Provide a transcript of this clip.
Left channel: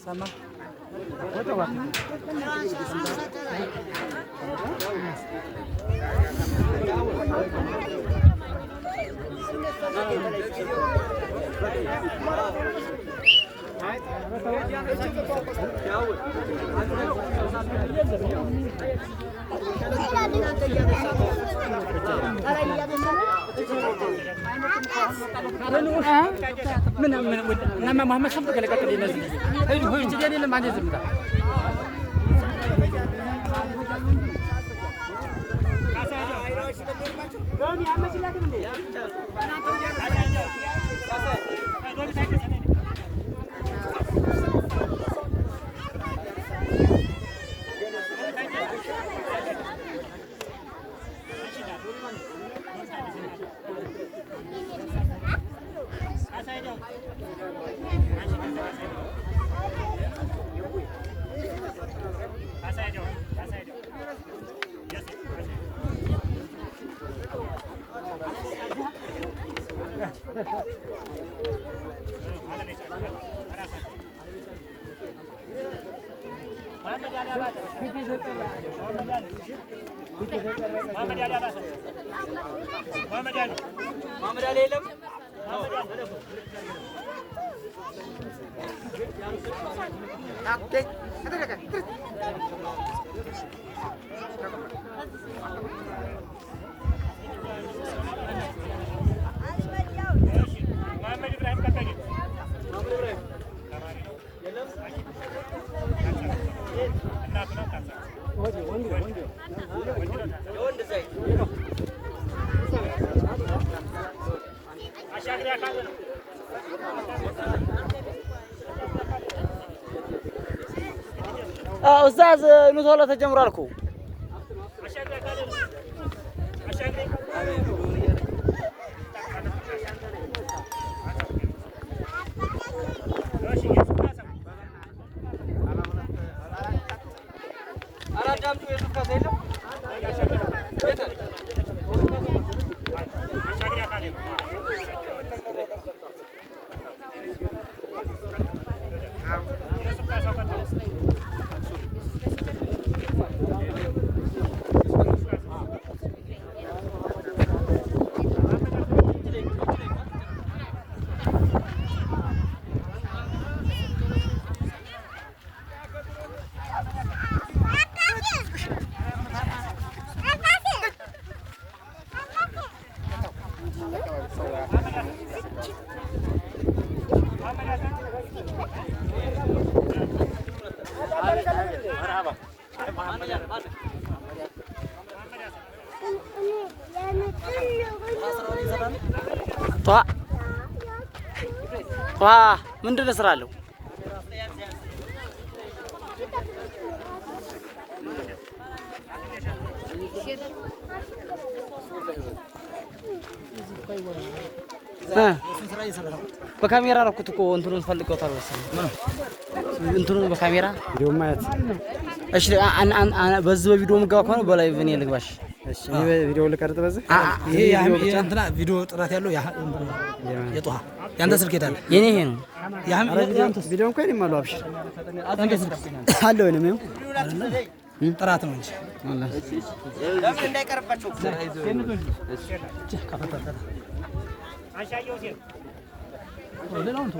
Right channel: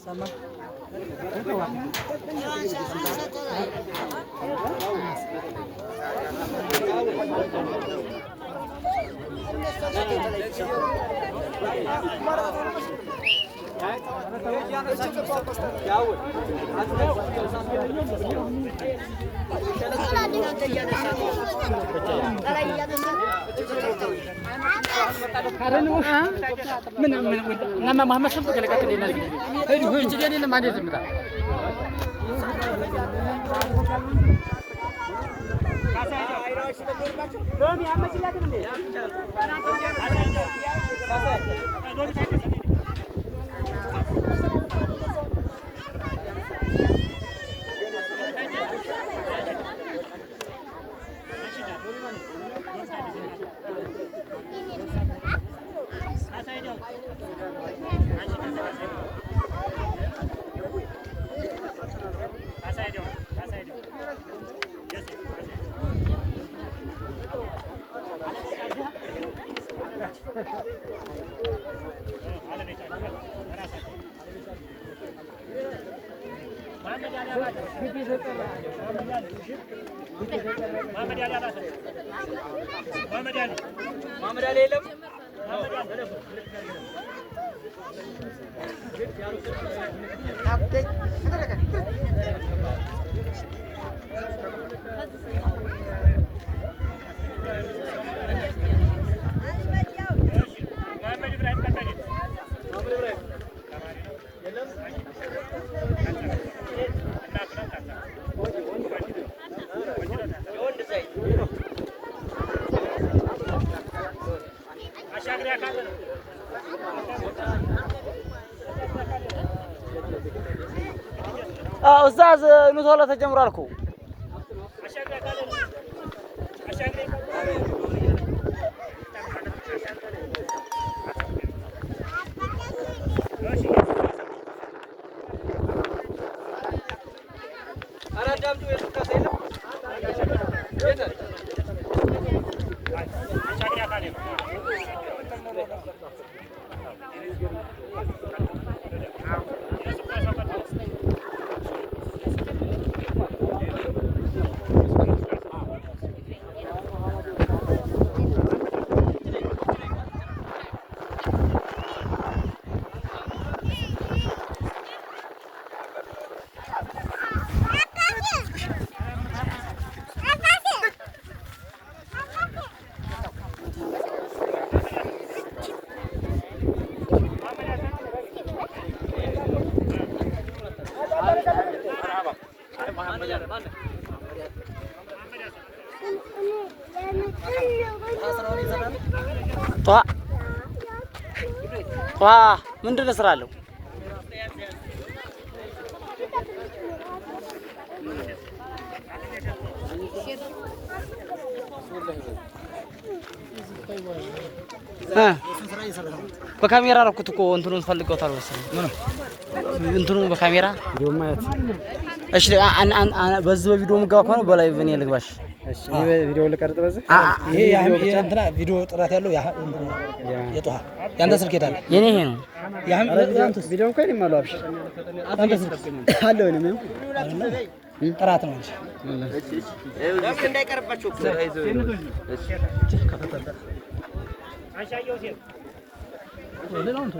Sama. Nama Muhammad sampai kali kata dia nasi. Jadi dia mana sebentar. أستاذ نطولة تجمرالكو Wah, ምንድን ነው ስራለው? በካሜራ ረኩት እኮ እንትኑን ፈልገውታል መሰለኝ። እንትኑን በካሜራ ቪዲዮ ማየት። እሺ በዚህ ቪዲዮ ምጋው ከሆነ በላይ እኔ ልግባሽ። እሺ ቪዲዮ ልቀርጥ በዚህ ይሄ እንትና ቪዲዮ ጥራት ያለው የጦሃ ያንተ ስልክ የታለ? የኔ ይሄ ነው። ያንተ ቪዲዮ እንኳን ይማሉ አብሽ ያንተ ስልክ አለው ነው ጥራት ነው እንጂ ለምን እንዳይቀርባችሁ አንሻየው ሲል ሌላውን